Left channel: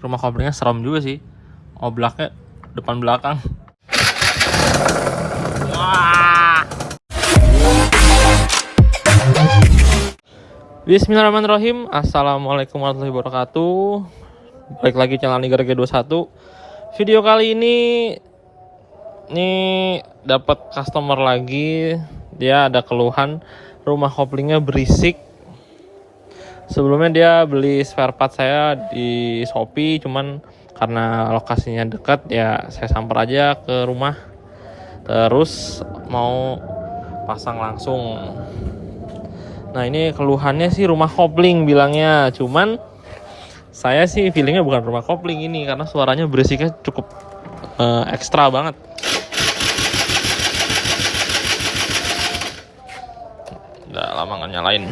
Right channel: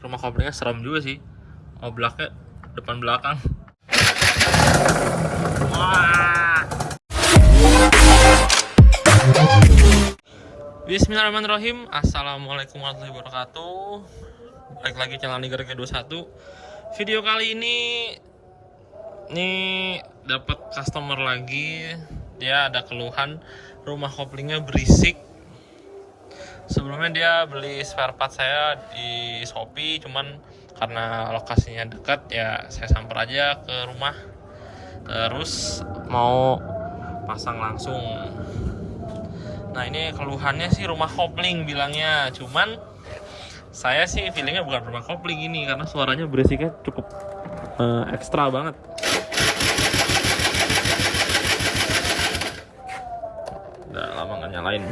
cek rumah koplingnya serem juga sih. Oblaknya depan belakang. Wah. Bismillahirrahmanirrahim. Assalamualaikum warahmatullahi wabarakatuh. Balik lagi channel Nigar G21. Video kali ini dapat customer lagi. Dia ada keluhan rumah koplingnya berisik. Sebelumnya dia beli spare part saya di Shopee, cuman karena lokasinya dekat ya saya samper aja ke rumah. Terus mau pasang langsung. Nah ini keluhannya sih rumah kopling bilangnya, cuman saya sih feelingnya bukan rumah kopling ini karena suaranya berisiknya cukup ekstra banget. Udah lama nggak nyalain.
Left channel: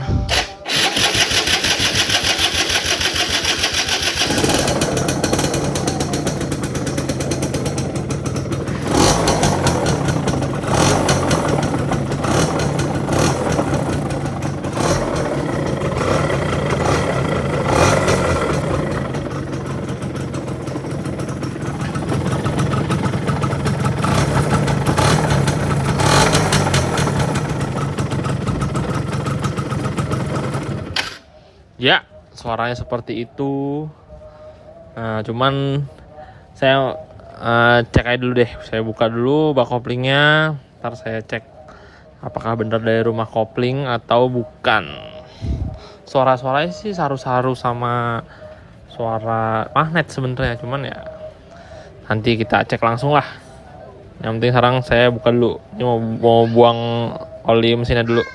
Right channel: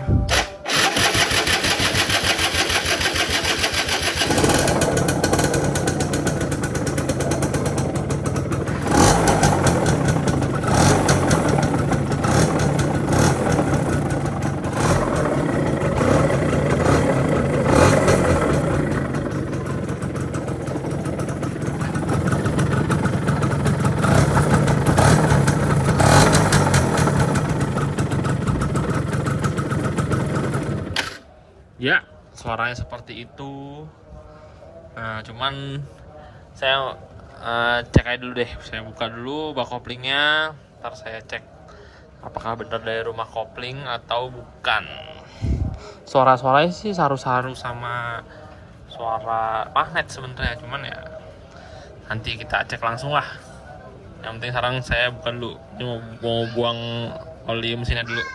Ya, suaranya seperti itu. Nah, cuman saya cek aja dulu deh. Saya buka dulu bak koplingnya. Ntar saya cek apakah benar dari rumah kopling atau bukan. Suara-suaranya sih saru-saru sama suara magnet sebenarnya. Cuman ya nanti kita cek langsung lah. Yang penting sekarang saya buka dulu. Ini mau buang oli mesinnya dulu.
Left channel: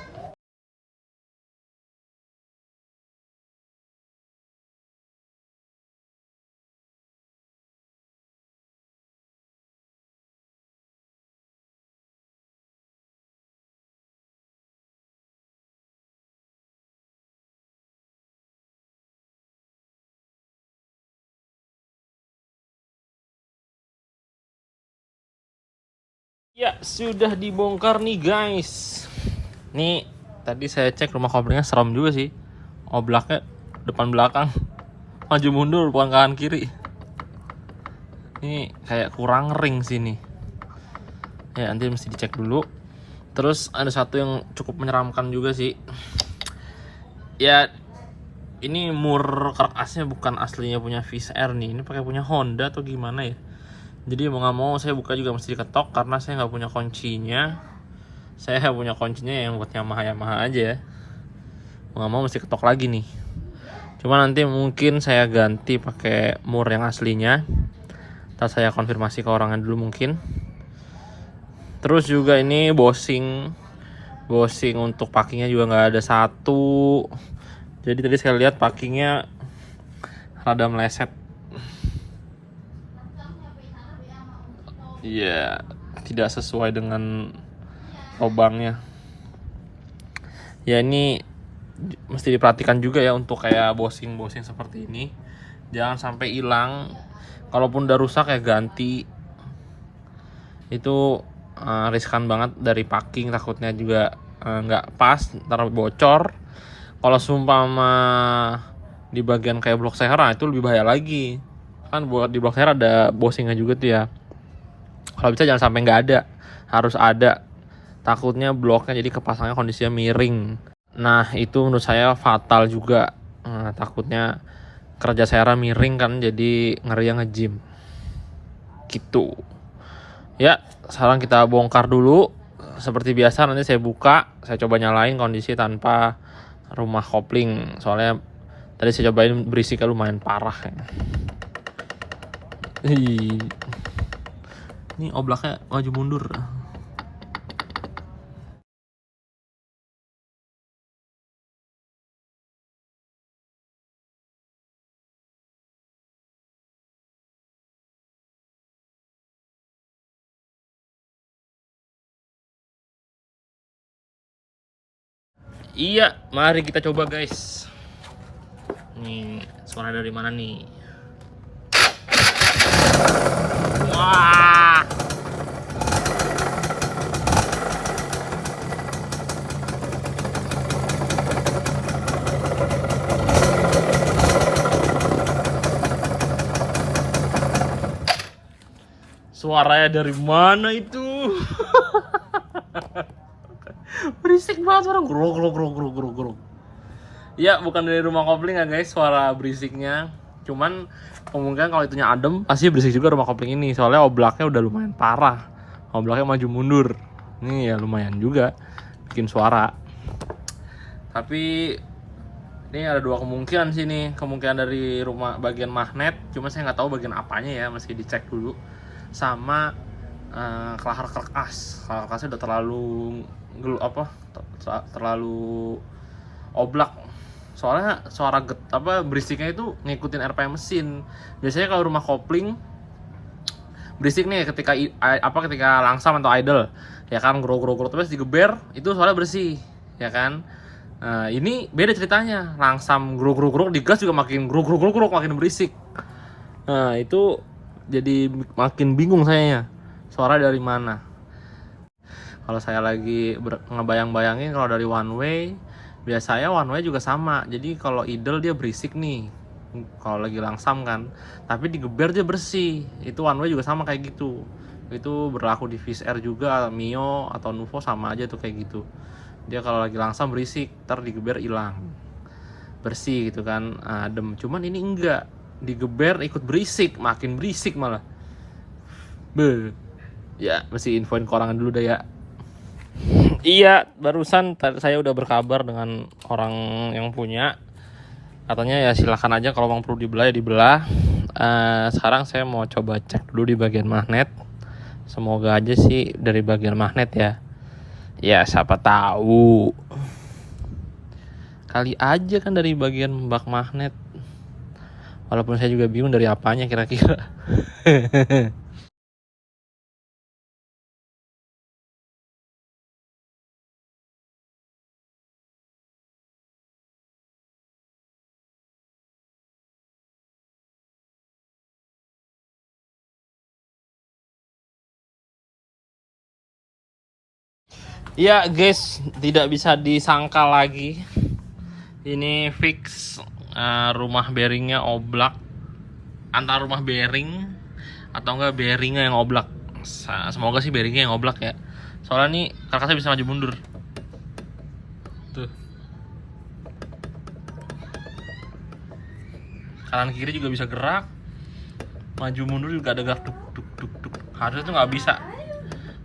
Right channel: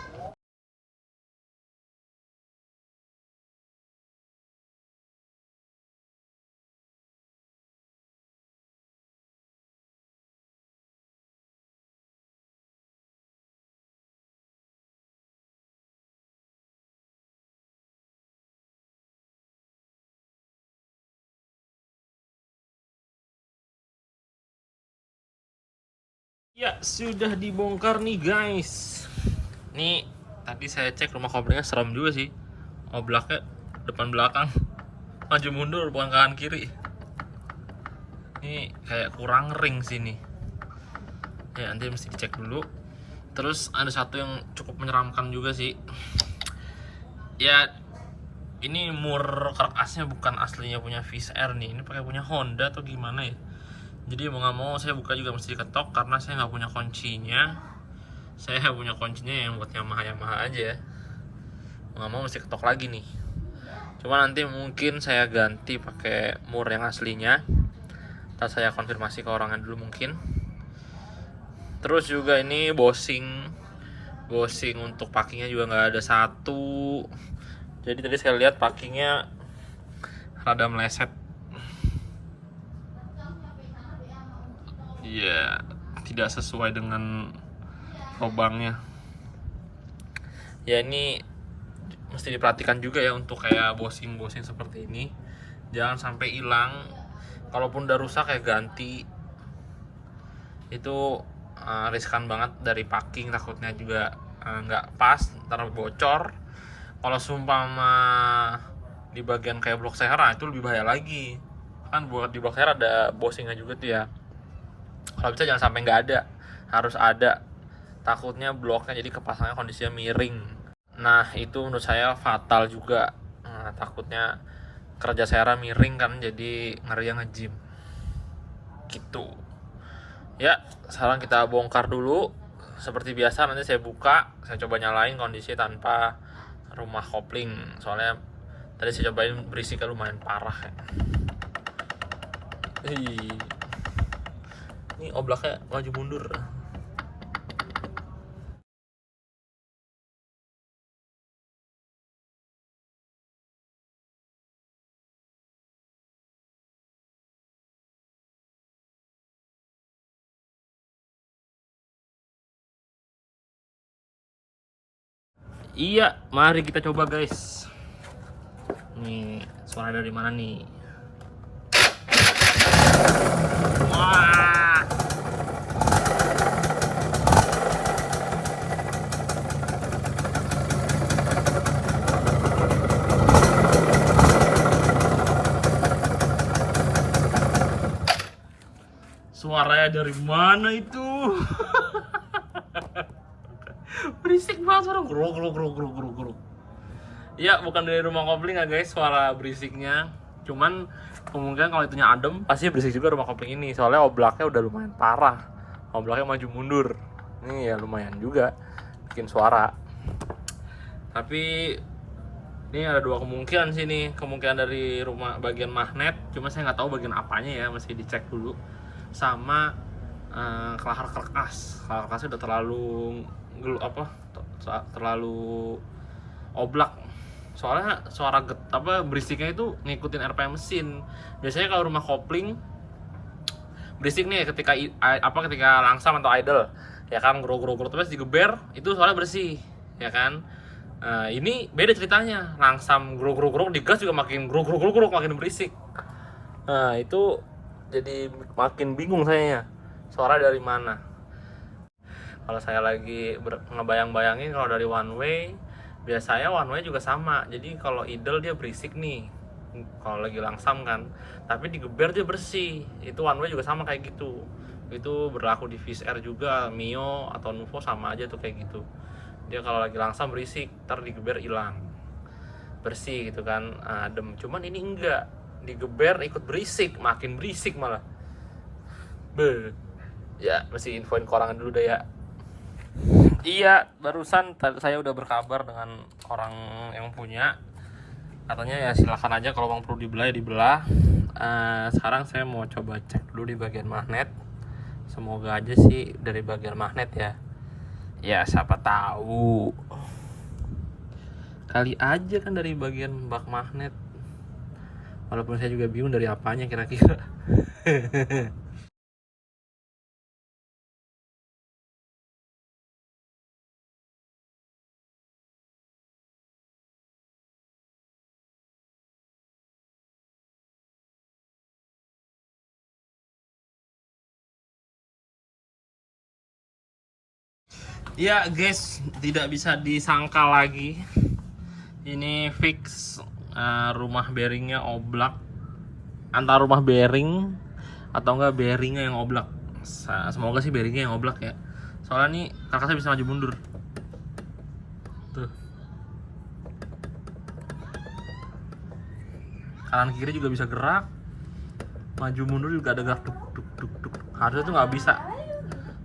Ya, sudah dibongkar nih guys. Nih, tadi saya cek rumah koplingnya serem juga sih. Oblaknya depan belakang. Maju mundur bukan kanan kiri. Ini kayak kurang ring sini. Ya, nanti mesti dicek dulu. Terus ada satu yang cukup menyeramkan juga sih. Ya, ini mur karkasnya bukan aslinya punya Wizz Air nih. Ini pakai punya Honda atau gimana ya? Jadi mau nggak mau saya buka juga mesti diketok karena saya nggak punya kuncinya. Saya punya kuncinya yang buat Yamaha aja ya. Mau nggak mau mesti ketok lagi nih. Cuma nanti mungkin saya ganti pakai mur yang aslinya. Ntar saya konfirmasi ke orangnya dulu mungkin. Terus juga ini bosing untuk packingnya juga nggak ada satu. Jadi tadi saya lihat packingnya rada meleset. Iya, tidak sesuai dengan lubangnya. Ya ini mesti diperhatikan juga ya untuk kayak bosing seperti ini. Jangan sampai hilang. Kalaupun udah rusak ya ganti. Itu riskan banget dari packing, takutnya juga nggak pas, ntar bocor. Kalau seumpama di bagian kayak blok seher itu lebih bahaya lagi. Kan buat di blok seher ada bosingnya juga tuh ya. Kalau bisa jangan sampai nggak ada, harus ada. Takutnya bloknya jadi kepasangnya kondisinya miring. Nah itu menurut saya fatal juga. Takutnya kerja saya miring kan, jadi ngeri yang nge-gym gitu. Ya sekarang kita bongkar dulu. Seperti biasa nanti saya buka, saya coba nyalain kondisi tanpa rumah kopling. Soalnya tadi saya cobain berisiknya lumayan parah ya. Ini oblaknya maju mundur. Iya, mari kita coba guys. Nih, suara dari mana nih? Wah. Suaranya dari mana itu? Berisik banget suara grok. Ya bukan dari rumah kopling ya guys suara berisiknya. Cuman kemungkinan kalau itunya adem pasti berisik juga rumah kopling ini. Soalnya oblaknya udah lumayan parah. Oblaknya maju mundur. Ini ya lumayan juga bikin suara. Tapi ini ada dua kemungkinan sih nih. Kemungkinan dari rumah bagian magnet. Cuma saya nggak tahu bagian apanya ya. Mesti dicek dulu. Sama kelahar kerkas. Kelahar kerkasnya udah terlalu oblak. Soalnya suara berisiknya itu ngikutin RPM mesin. Biasanya kalau rumah kopling berisik nih ketika langsam atau idle, ya kan, grok terus digeber itu suara bersih, ya kan. Nah, ini beda ceritanya, langsam grok digas juga makin grok makin berisik. Nah, itu jadi makin bingung sayanya suara dari mana. Kalau saya lagi ngebayang-bayangin kalau dari one way, biasanya one way juga sama. Jadi kalau idle dia berisik nih, kalau lagi langsam kan, tapi digeber dia bersih. Itu one way juga sama kayak gitu. Itu berlaku di Fish Air juga, Mio atau Nuvo sama aja tuh kayak gitu. Dia kalau lagi langsam berisik, ntar digeber hilang, bersih gitu kan, adem. Cuman ini enggak, digeber ikut berisik, makin berisik malah. Ya mesti infoin ke orang dulu deh ya. Iya, barusan saya udah berkabar dengan orang yang punya. Katanya ya silakan aja kalau memang perlu dibelah ya dibelah. Sekarang saya mau coba cek dulu di bagian magnet. Semoga aja sih dari bagian magnet ya. Ya siapa tahu. Kali aja kan dari bagian bak magnet. Walaupun saya juga bingung dari apanya kira-kira. Ya guys, tidak bisa disangka lagi. Ini fix rumah bearingnya oblak. Antara rumah bearing atau enggak bearingnya yang oblak. Semoga sih bearingnya yang oblak ya. Soalnya nih karkasnya bisa maju mundur. Tuh. Kanan kiri juga bisa gerak. Maju mundur juga ada gerak duk. Harusnya tuh nggak bisa.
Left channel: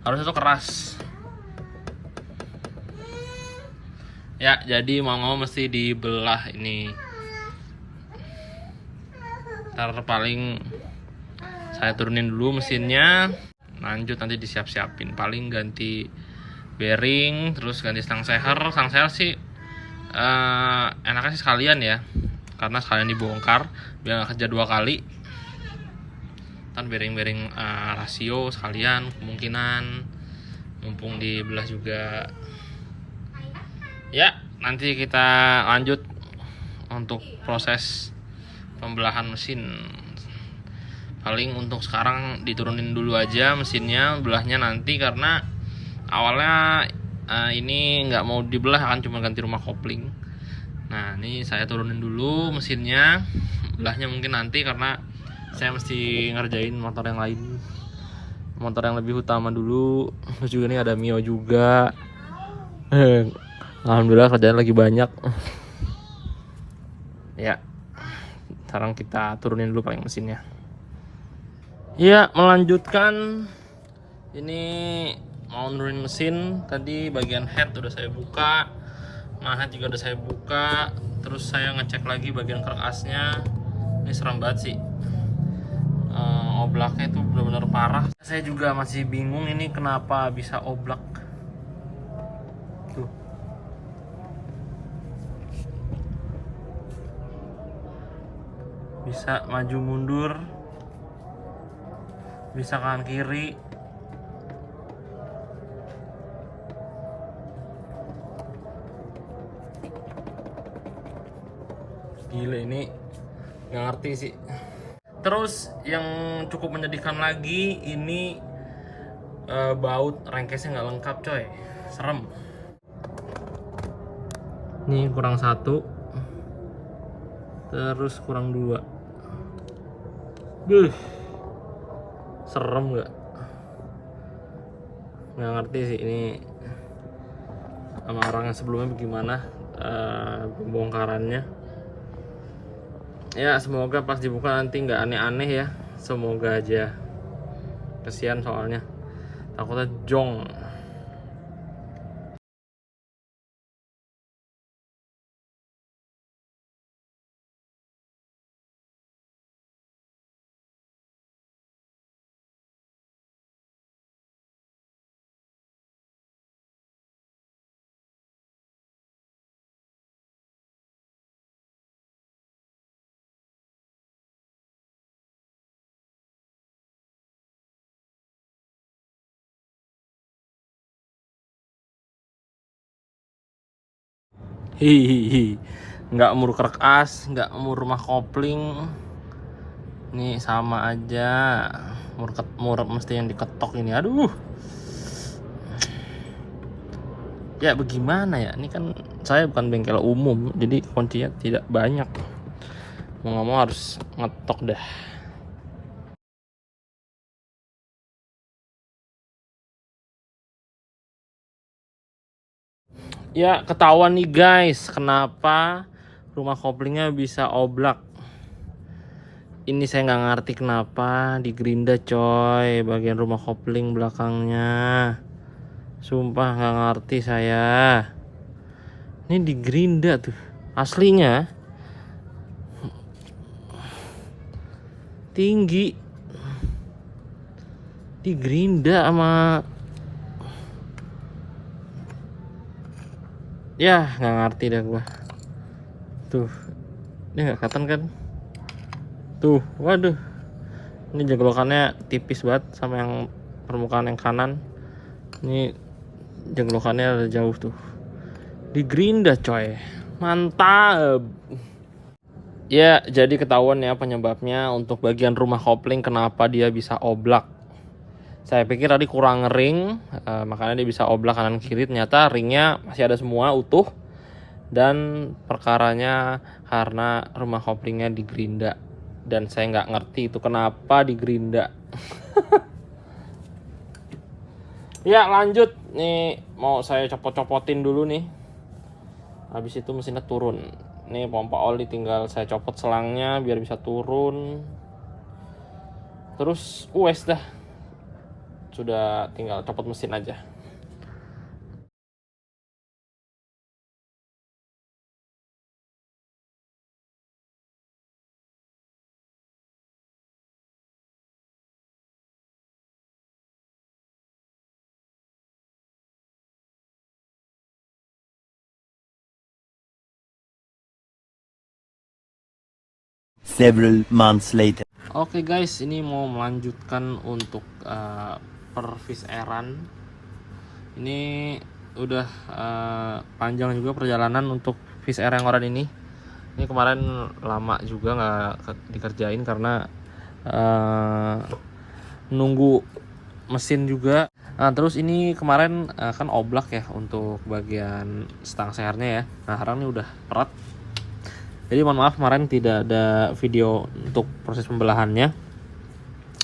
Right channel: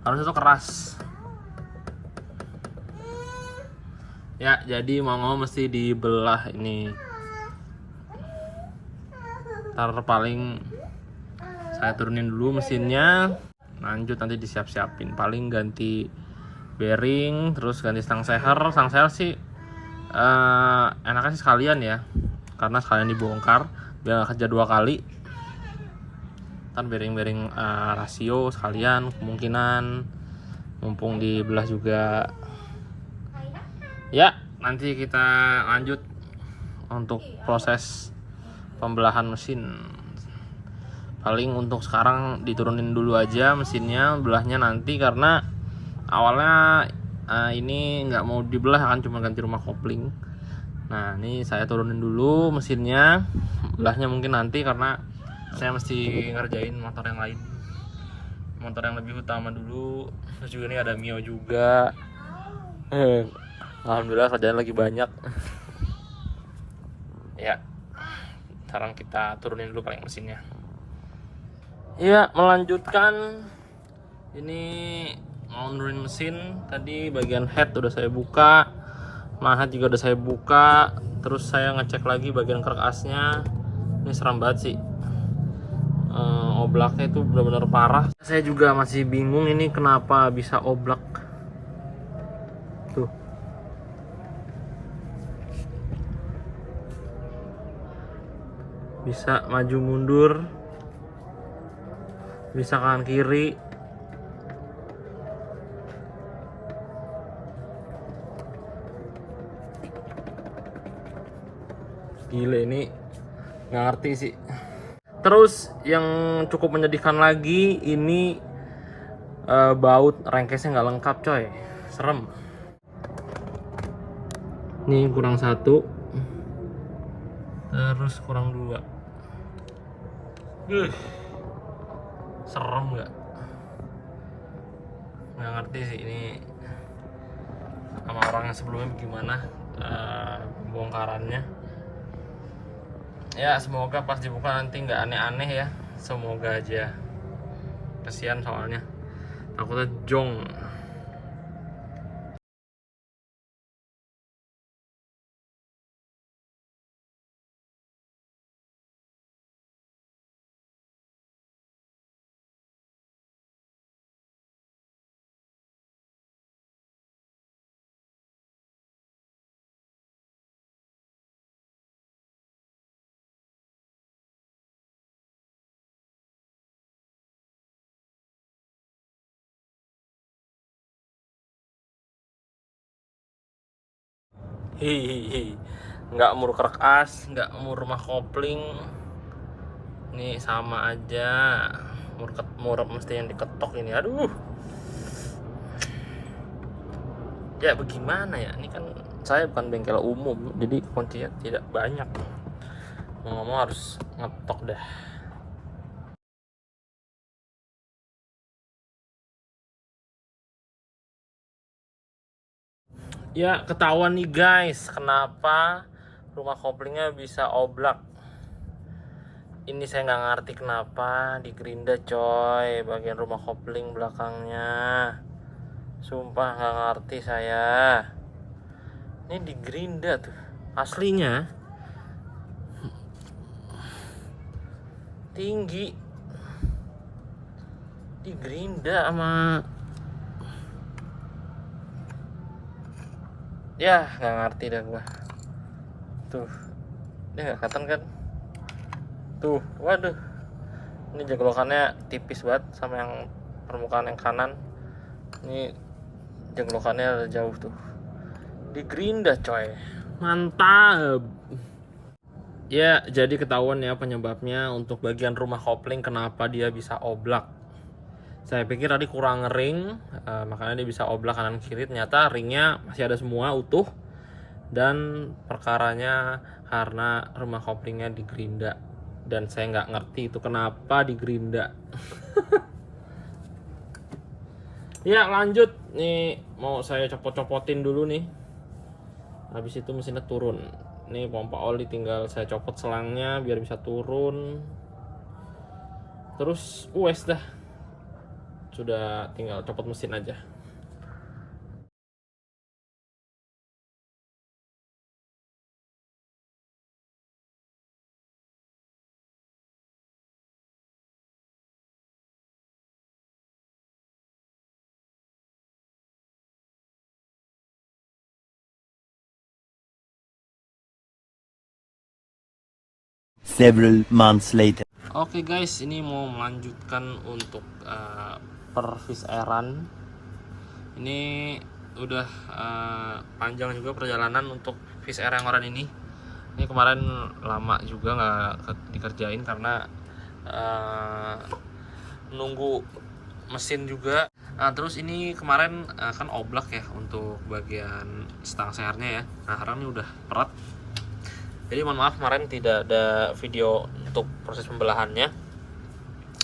Harusnya tuh keras. Ya, jadi mau mesti dibelah ini. Ntar paling saya turunin dulu mesinnya, lanjut nanti disiap-siapin. Paling ganti bearing, terus ganti stang seher. Stang seher sih enaknya sih sekalian ya, karena sekalian dibongkar biar nggak kerja 2 kali. Kan bearing rasio sekalian, kemungkinan mumpung dibelah juga. Ya, nanti kita lanjut untuk proses pembelahan mesin. Paling untuk sekarang diturunin dulu aja mesinnya, belahnya nanti karena awalnya ini nggak mau dibelah kan, cuma ganti rumah kopling. Nah, ini saya turunin dulu mesinnya, belahnya mungkin nanti karena saya mesti ngerjain motor yang lain, motor yang lebih utama dulu. Terus juga ini ada Mio juga. Alhamdulillah kerjaan lagi banyak. Ya, sekarang kita turunin dulu paling mesinnya. Ya, melanjutkan. Ini mau nurunin mesin. Tadi bagian head udah saya buka, magnet juga udah saya buka. Terus saya ngecek lagi bagian karkasnya. Ini seram banget sih. Oblaknya itu benar-benar parah. Saya juga masih bingung ini kenapa bisa oblak. Tuh. Bisa maju mundur, bisa kanan kiri. Gila, ini nggak ngerti sih. Terus yang cukup menyedihkan lagi, ini baut rengkesnya nggak lengkap coy, serem. Ini kurang 1, terus kurang 2. Serem nggak? nggak ngerti sih ini sama orang yang sebelumnya bagaimana pembongkarannya. Ya semoga pas dibuka nanti nggak aneh-aneh ya, semoga aja. Kesian soalnya takutnya jong. Hihihi, nggak mur kerak as, nggak mur rumah kopling, nih sama aja. Mur mesti yang diketok ini, aduh. Ya bagaimana ya, ini kan saya bukan bengkel umum, jadi kuncinya tidak banyak. Mau ngomong harus ngetok dah. Ya ketahuan nih guys, kenapa rumah koplingnya bisa oblak. Ini saya nggak ngerti kenapa di gerinda coy, bagian rumah kopling belakangnya. Sumpah nggak ngerti saya. Ini di gerinda tuh, aslinya tinggi. Di gerinda sama, ya nggak ngerti dah gua. Tuh, dia nggak kelihatan kan? Tuh, waduh. Ini jeglokannya tipis banget sama yang permukaan yang kanan. Ini jeglokannya jauh tuh. Di gerinda coy. Mantap. Ya, jadi ketahuan ya penyebabnya untuk bagian rumah kopling kenapa dia bisa oblak. Saya pikir tadi kurang ring, makanya dia bisa oblak kanan kiri. Ternyata ringnya masih ada semua utuh. Dan perkaranya karena rumah koplingnya di gerinda. Dan saya nggak ngerti itu kenapa di gerinda. Ya lanjut, nih mau saya copot-copotin dulu nih. Habis itu mesinnya turun. Nih pompa oli tinggal saya copot selangnya biar bisa turun. Terus wes dah. Sudah tinggal copot mesin aja. Several months later. Oke guys, ini mau melanjutkan untuk pervis eran. Ini udah panjang juga perjalanan untuk vis air yang oran ini. Ini kemarin lama juga nggak dikerjain karena nunggu mesin juga. Nah terus ini kemarin kan oblak ya untuk bagian stang sehernya ya. Nah sekarang ini udah perat. Jadi mohon maaf kemarin tidak ada video untuk proses pembelahannya.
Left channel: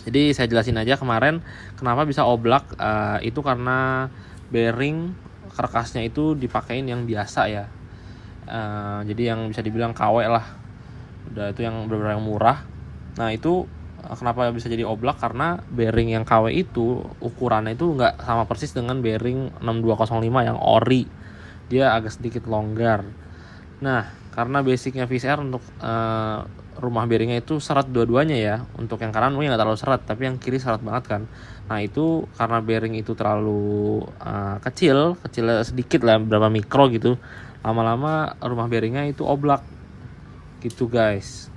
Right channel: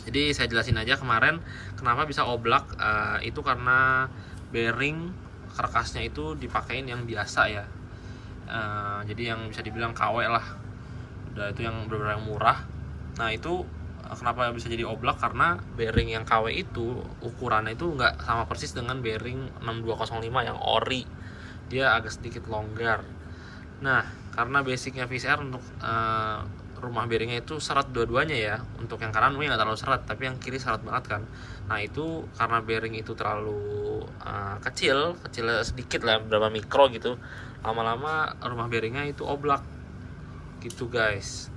Jadi saya jelasin aja kemarin kenapa bisa oblak. Itu karena bearing karkasnya itu dipakein yang biasa ya. Jadi yang bisa dibilang KW lah. Udah itu yang benar-benar murah. Nah itu kenapa bisa jadi oblak karena bearing yang KW itu ukurannya itu nggak sama persis dengan bearing 6205 yang ori. Dia agak sedikit longgar. Nah karena basicnya VCR untuk rumah bearingnya itu serat dua-duanya ya. Untuk yang kanan mungkin nggak terlalu serat, tapi yang kiri serat banget kan. Nah itu karena bearing itu terlalu kecil sedikit lah, berapa mikro gitu. Lama-lama rumah bearingnya itu oblak gitu guys.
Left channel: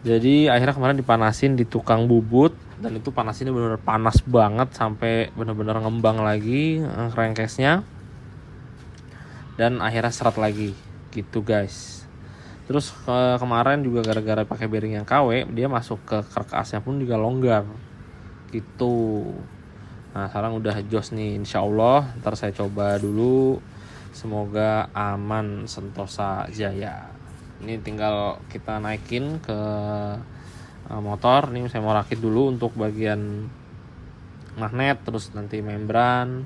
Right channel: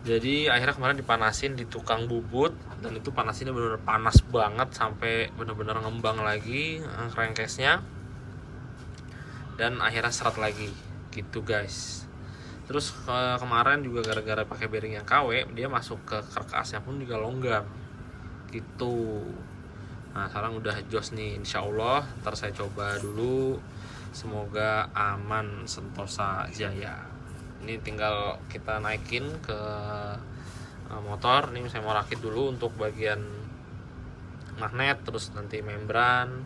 Jadi akhirnya kemarin dipanasin di tukang bubut, dan itu panasinnya benar-benar panas banget sampai benar-benar ngembang lagi crankcase-nya, dan akhirnya serat lagi gitu guys. Terus kemarin juga gara-gara pakai bearing yang KW, dia masuk ke karkasnya pun juga longgar gitu. Nah sekarang udah jos nih, insya Allah. Ntar saya coba dulu, semoga aman sentosa jaya. Ini tinggal kita naikin ke motor. Ini saya mau rakit dulu untuk bagian magnet, terus nanti membran,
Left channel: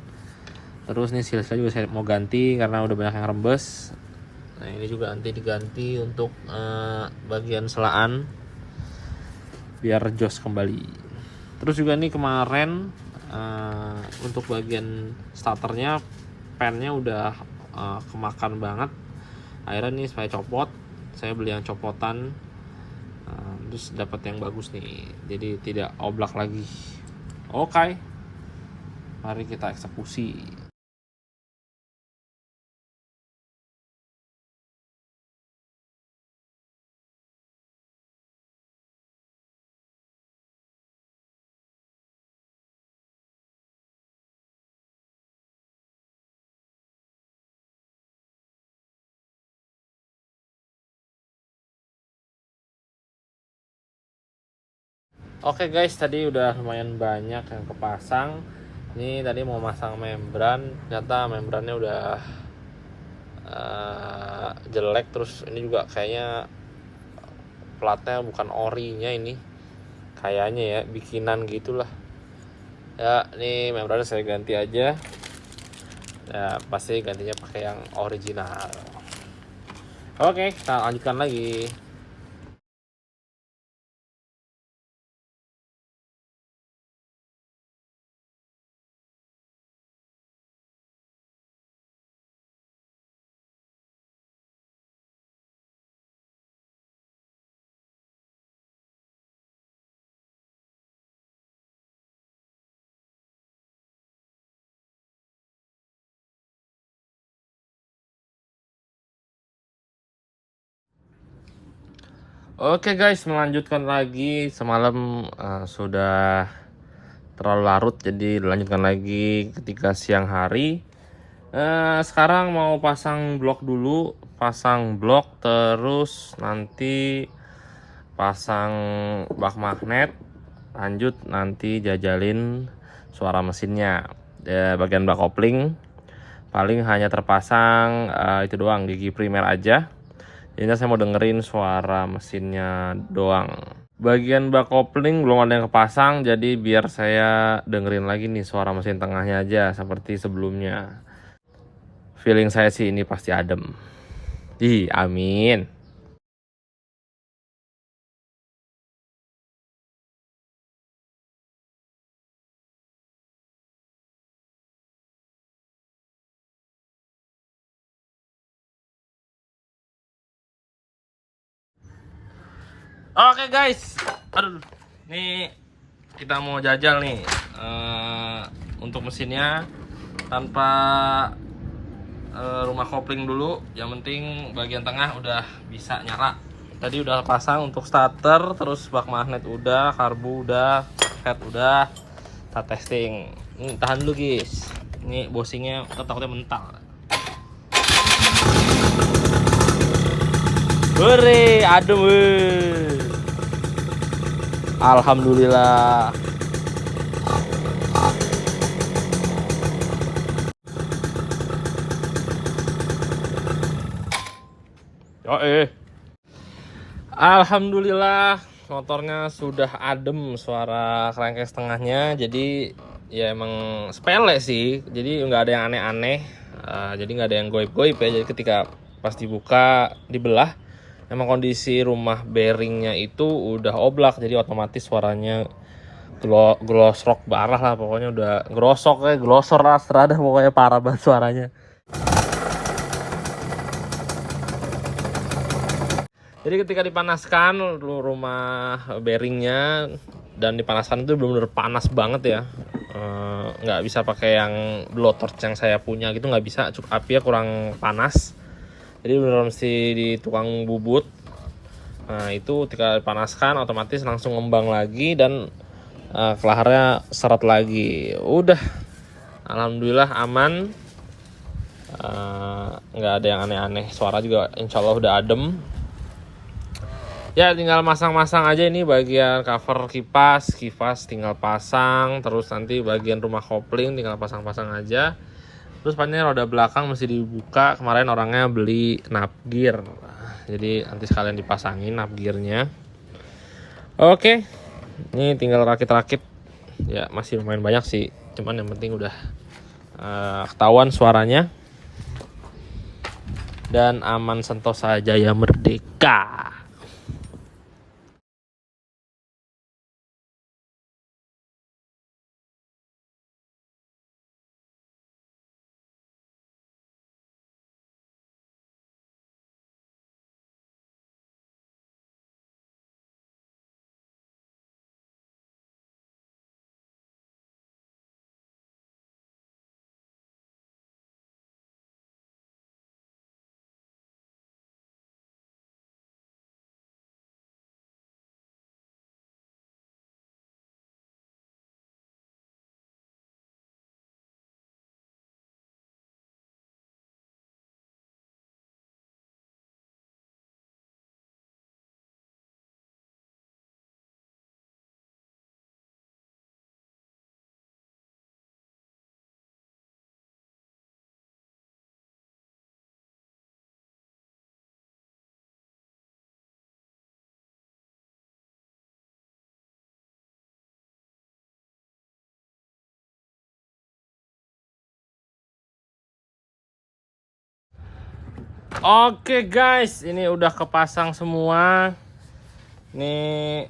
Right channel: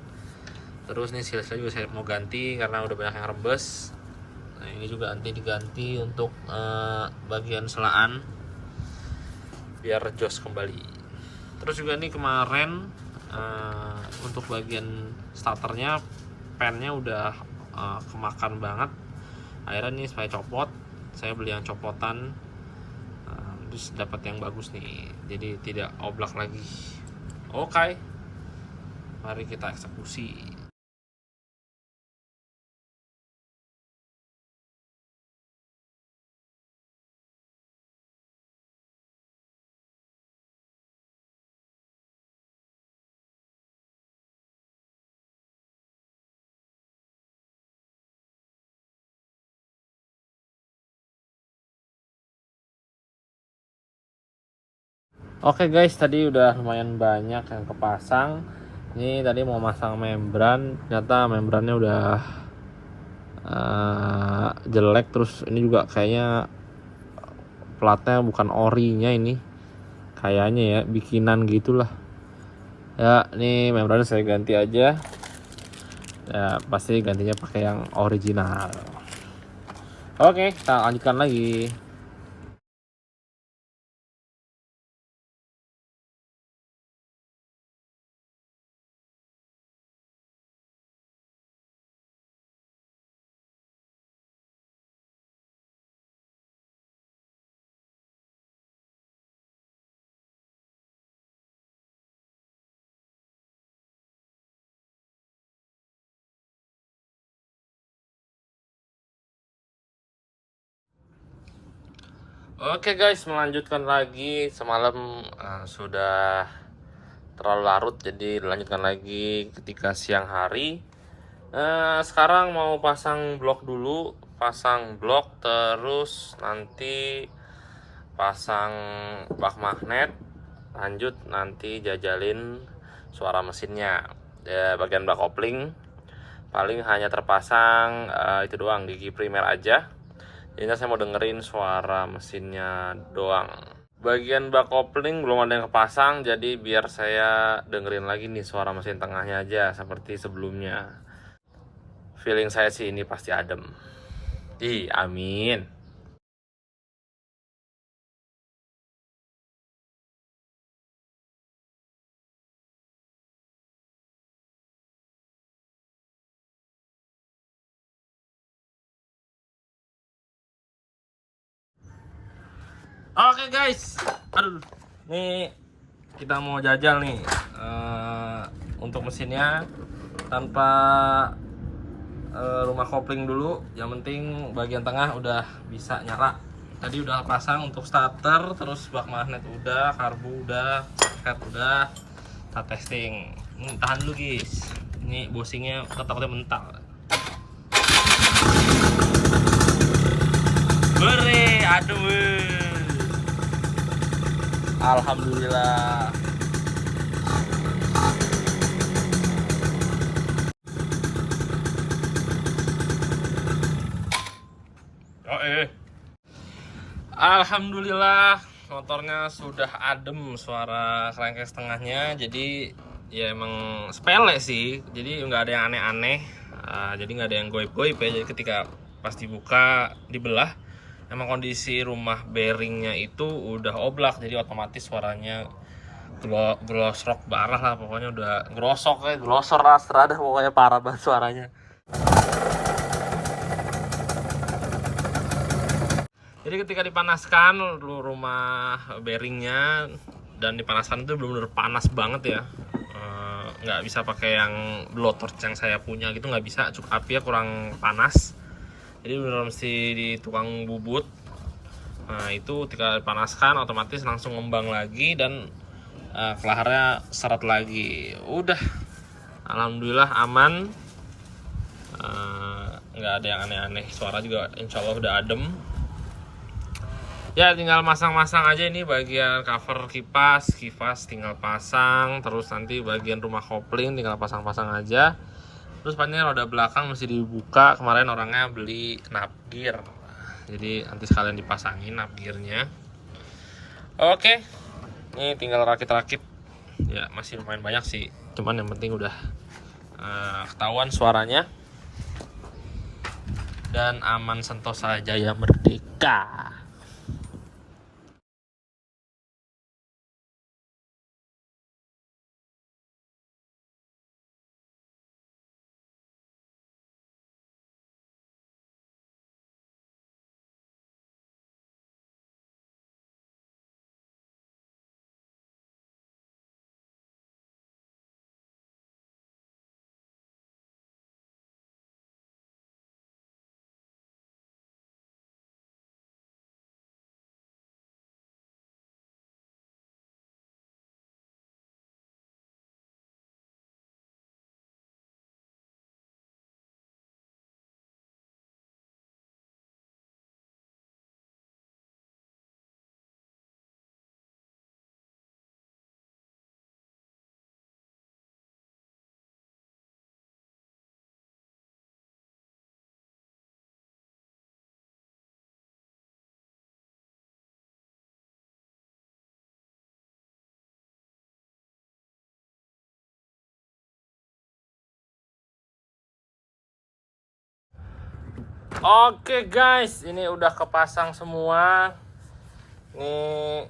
terus nih silsnya juga saya mau ganti karena udah banyak yang rembes. Nah ini juga nanti diganti untuk bagian selaan biar jos kembali. Terus juga nih kemarin untuk bagian starternya pennya udah kemakan banget, akhirnya nih saya copot, saya beli yang copotan, terus dapat yang bagus nih, jadi tidak oblak lagi. Oke, mari kita eksekusi. Oke guys, tadi udah lumayan banyak yang kepasang. Ini tadi mau masang membran, ternyata membrannya udah jelek. Terus ini juga kayaknya platnya bukan orinya ini, kayaknya ya bikinan gitulah. Ya, ini membrannya saya ganti aja. Ya pasti gantinya pakai yang original. Oke, kita lanjutkan lagi. Oke guys, melanjutkan lagi. Semalam sudah terlalu larut, jadi dilanjutkan lagi ketika siang hari. Sekarang mau pasang blok dulu, pasang blok terus nanti pasang bak magnet, lanjut nanti jajalin suara mesinnya. Bagian bak kopling paling hanya terpasang itu doang, gigi primer aja. Jadi saya mau dengerin suara mesinnya doang. Bagian bak kopling belum ada yang kepasang, jadi biar saya dengerin lagi nih suara mesin tengahnya aja seperti sebelumnya. Feeling saya sih ini pasti adem. Ih, amin. Oke guys, aduh, nih kita mau jajal nih untuk mesinnya tanpa rumah kopling dulu. Yang penting bagian tengah udah bisa nyala. Tadi udah pasang untuk starter, terus bak magnet udah, karbu udah, head udah. Kita testing. Tahan dulu guys. Ini bosingnya takutnya mental. Hore, aduh. Alhamdulillah. Alhamdulillah motornya sudah adem, suara kerangkeng setengahnya. Jadi ya emang sepele sih, jadi nggak ada yang aneh-aneh, jadi nggak ada yang goib-goib ya. Jadi ketika pas dibuka dibelah, emang kondisi rumah bearingnya itu udah oblak, jadi otomatis suaranya glosrok parah lah, pokoknya udah grosok ya, glosor astra dah, pokoknya parah banget suaranya. Jadi ketika dipanaskan rumah bearingnya dan dipanaskan itu benar-benar panas banget ya. Nggak bisa pakai yang blowtorch yang saya punya gitu, nggak bisa, apinya kurang panas. Jadi benar mesti di tukang bubut. Nah itu ketika dipanaskan otomatis langsung ngembang lagi dan kelaharnya seret lagi. Udah, alhamdulillah aman. Nggak ada yang aneh-aneh, suara juga insya Allah udah adem. Ya tinggal masang-masang aja ini bagian cover kipas tinggal pasang, terus nanti bagian rumah kopling tinggal pasang-pasang aja. Terus pastinya roda belakang mesti dibuka, kemarin orangnya beli nap gear, jadi nanti sekalian dipasangin nap gearnya. Oke, ini tinggal rakit-rakit Ya masih lumayan banyak sih, cuman yang penting udah ketahuan suaranya dan aman sentosa jaya merdeka. Oke guys, ini udah kepasang semua. Nih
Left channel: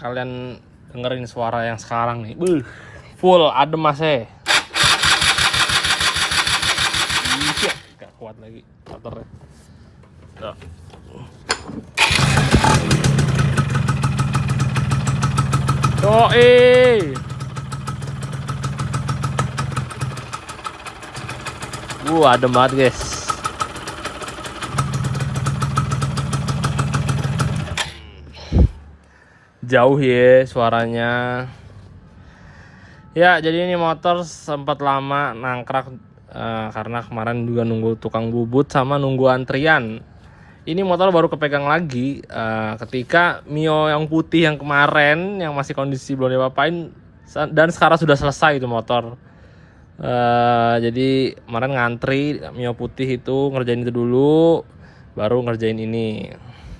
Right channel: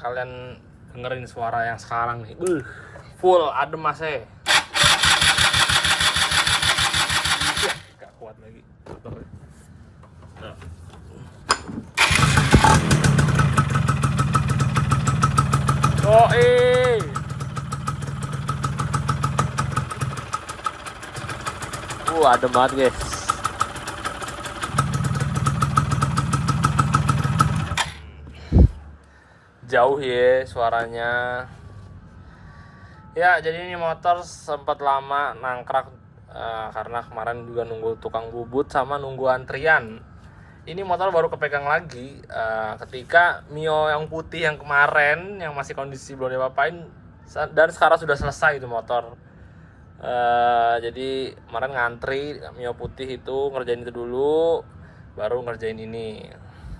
kalian dengerin suara yang sekarang nih. Full adem mas. Gak kuat lagi motornya. Tuh. Adem banget guys. Jauh ya suaranya. Ya jadi ini motor sempat lama nangkrak karena kemarin juga nunggu tukang bubut sama nunggu antrian. Ini motor baru kepegang lagi ketika Mio yang putih yang kemarin yang masih kondisi belum diapa-apain dan sekarang sudah selesai itu motor. Jadi kemarin ngantri Mio putih itu ngerjain itu dulu baru ngerjain ini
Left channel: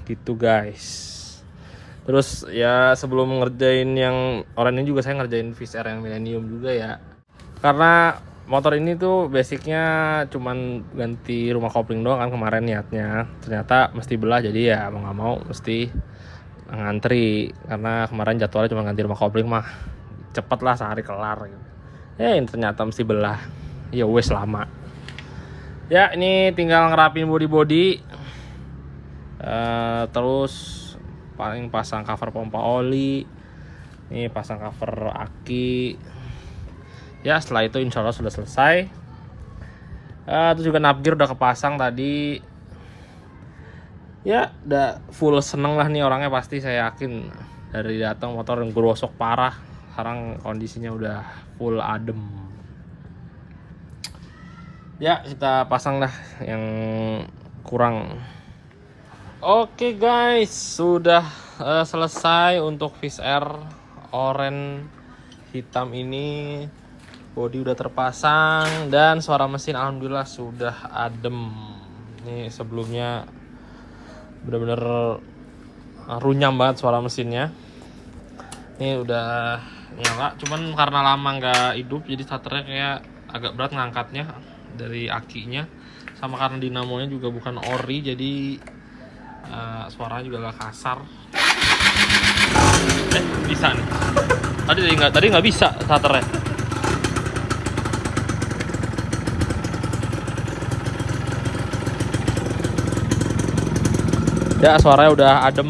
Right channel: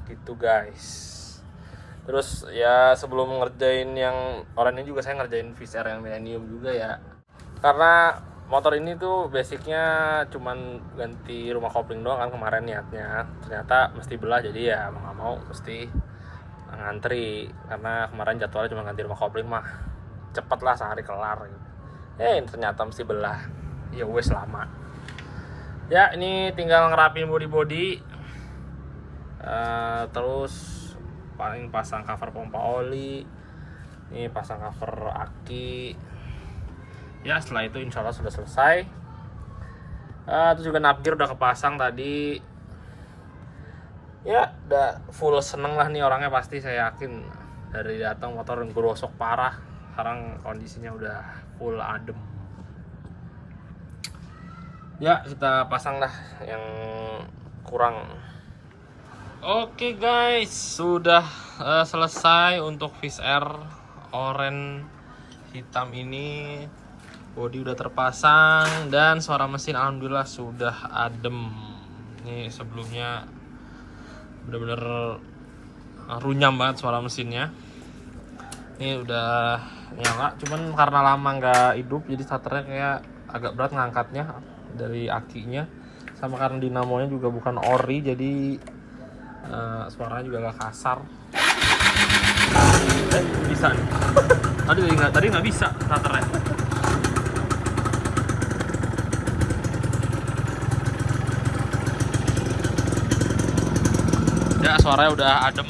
gitu guys. Terus ya sebelum ngerjain yang oranye juga saya ngerjain Viz R yang Millennium juga ya. Karena motor ini tuh basicnya cuman ganti rumah kopling doang kan kemarin niatnya. Ternyata mesti belah jadi ya mau nggak mau mesti ngantri karena kemarin jadwalnya cuma ganti rumah kopling mah cepet lah sehari kelar. Ya ini ternyata mesti belah. Ya wes lama. Ya ini tinggal ngerapin body-body. Terus paling pasang cover pompa oli, ini pasang cover aki. Ya setelah itu insya Allah sudah selesai. Itu juga navgear udah kepasang tadi. Ya udah full seneng lah nih orangnya pasti saya yakin dari datang motor yang gerosok parah. Sekarang kondisinya udah full adem. Ya kita pasang dah yang kurang. Oke guys, sudah selesai untuk Viz R oranye hitam ini. Bodi udah terpasang dan suara mesin alhamdulillah sudah adem. Ini sebelumnya bener-bener runyam banget suara mesinnya. Ini udah nyala, cuman karena lama nggak hidup jadi starternya kayak agak berat ngangkatnya dari akinya. Sama karena dinamonya juga bukan ori jadi suaranya juga agak kasar. Bisa nih. Tadi nggak bisa starternya. Ya suaranya udah adem.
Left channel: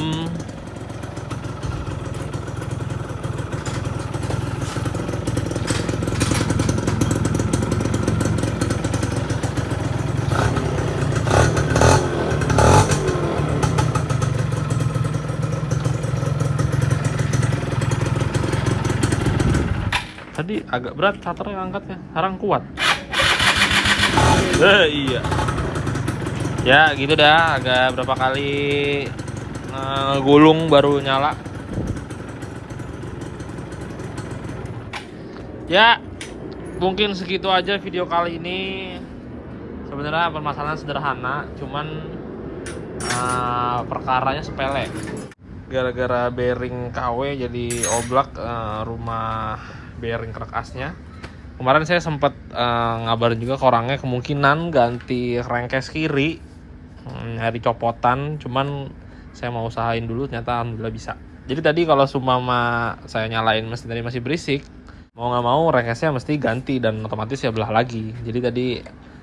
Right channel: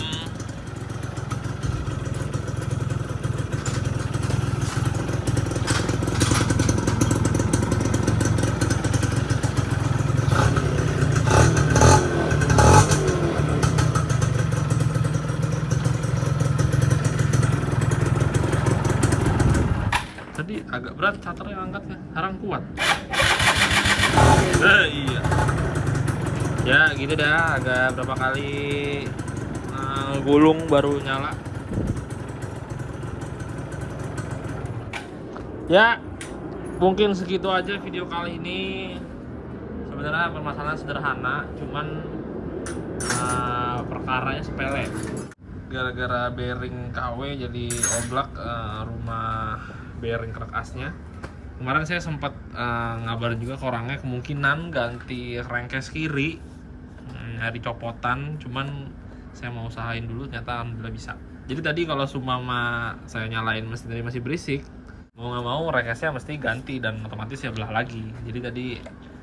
Tadi agak berat starternya angkatnya, sekarang kuat. Iya. Ya gitu dah, agak berapa kali gulung baru nyala. Ya mungkin segitu aja video kali ini. Sebenarnya permasalahan sederhana, cuman perkaranya sepele. gara-gara bearing KW jadi oblak rumah bearing kerkasnya. Kemarin saya sempat ngabarin juga ke orangnya kemungkinan ganti crankcase kiri, nyari copotan, cuman saya mau usahain dulu, ternyata alhamdulillah bisa. Jadi tadi kalau sumama saya nyalain mesin tadi masih berisik, mau nggak mau crankcase-nya mesti ganti dan otomatis ya belah lagi. Jadi tadi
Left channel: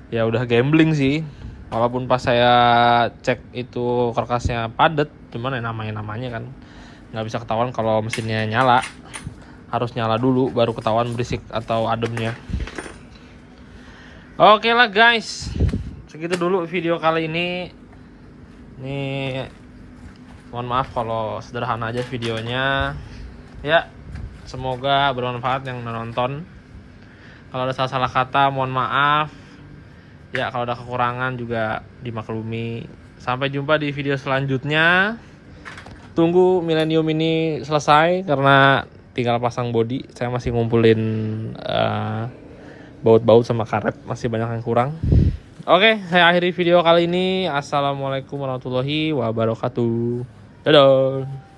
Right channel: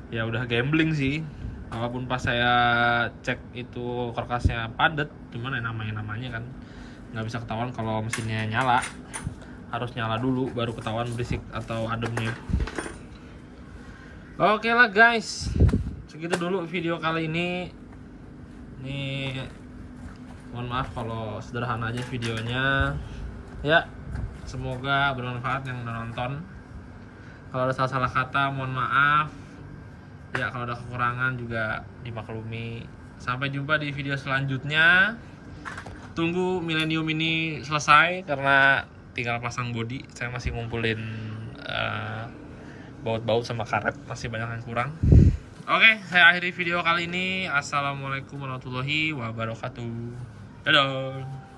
ya udah gambling sih. Walaupun pas saya cek itu karkasnya padat, cuman ya namanya kan nggak bisa ketahuan kalau mesinnya nyala. Harus nyala dulu baru ketahuan berisik atau ademnya. Oke lah guys, segitu dulu video kali ini. Nih, mohon maaf kalau sederhana aja videonya. Ya, semoga bermanfaat yang menonton. Kalau ada salah-salah kata mohon maaf. Ya, kalau ada kekurangan juga dimaklumi. Sampai jumpa di video selanjutnya. Tunggu Millennium ini selesai karena tinggal pasang bodi. Saya masih ngumpulin baut-baut sama karet, masih banyak yang kurang. Oke, saya akhiri video kali ini. Assalamualaikum warahmatullahi wabarakatuh. Dadah.